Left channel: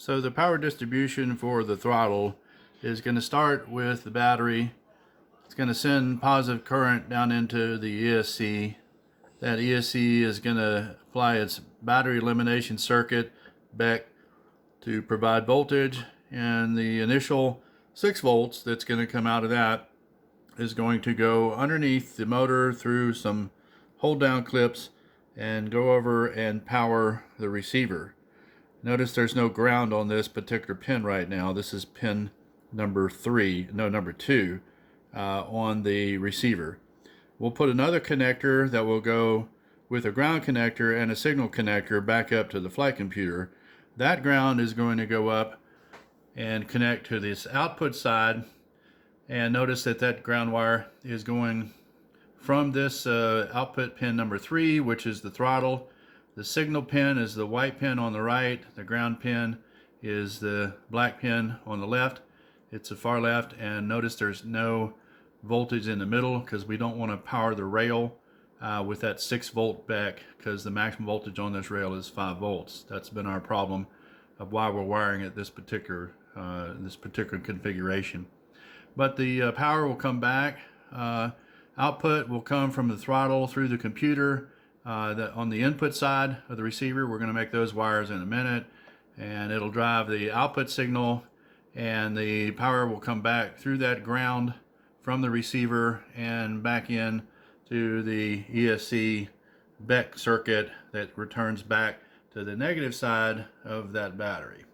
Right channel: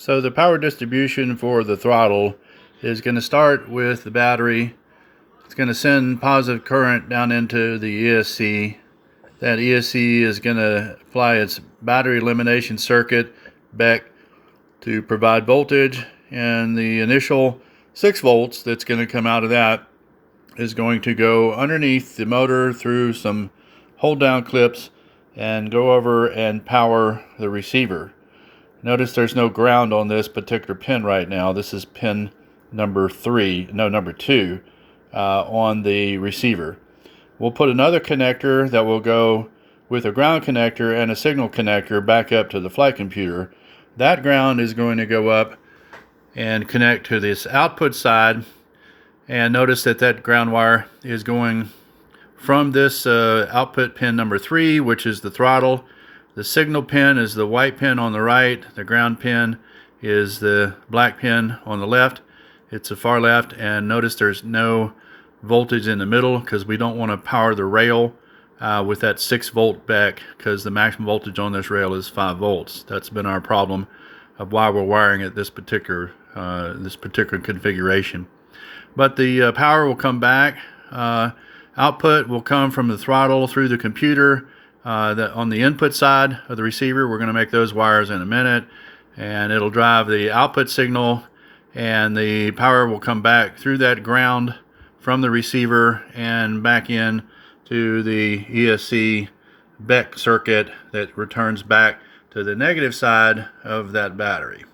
So the power distribution for the throttle is going to start with the battery. It's going to send positive current down into the ESC. That ESC is going to apply its battery elimination circuit back to provide voltage, and the initial 6 volts that's going to come out of that is going to go underneath the motor through some hold down clips and go over and power the receiver. Notice there's no ground on this particular pin right now. This is pin number 2 on the receiver. We'll put another connector that will go with a ground connector and a signal connector back up to the flight computer. That ground is going to go up and connect to this output side, and notice that that ground wire is going from this output pin number 3, which is the throttle. The signal pin is the white pin on the right. The ground pin is the black pin on the left. It's the far left, and notice there's no voltage in the middle because we don't want to power the rail with that 6 volt back, because the maximum voltage on this rail is 5 volts. That's been our problem of why we're wiring it this particular configuration. But the power will come back. Output will come from the throttle through the computer. That on the input side of the receiver, we're going to make those wires in a minute, and it'll drive the output signal, and the power will come back through that ground from the receiver and back in to the ESC BEC circuit that returns back to the negative side of that battery.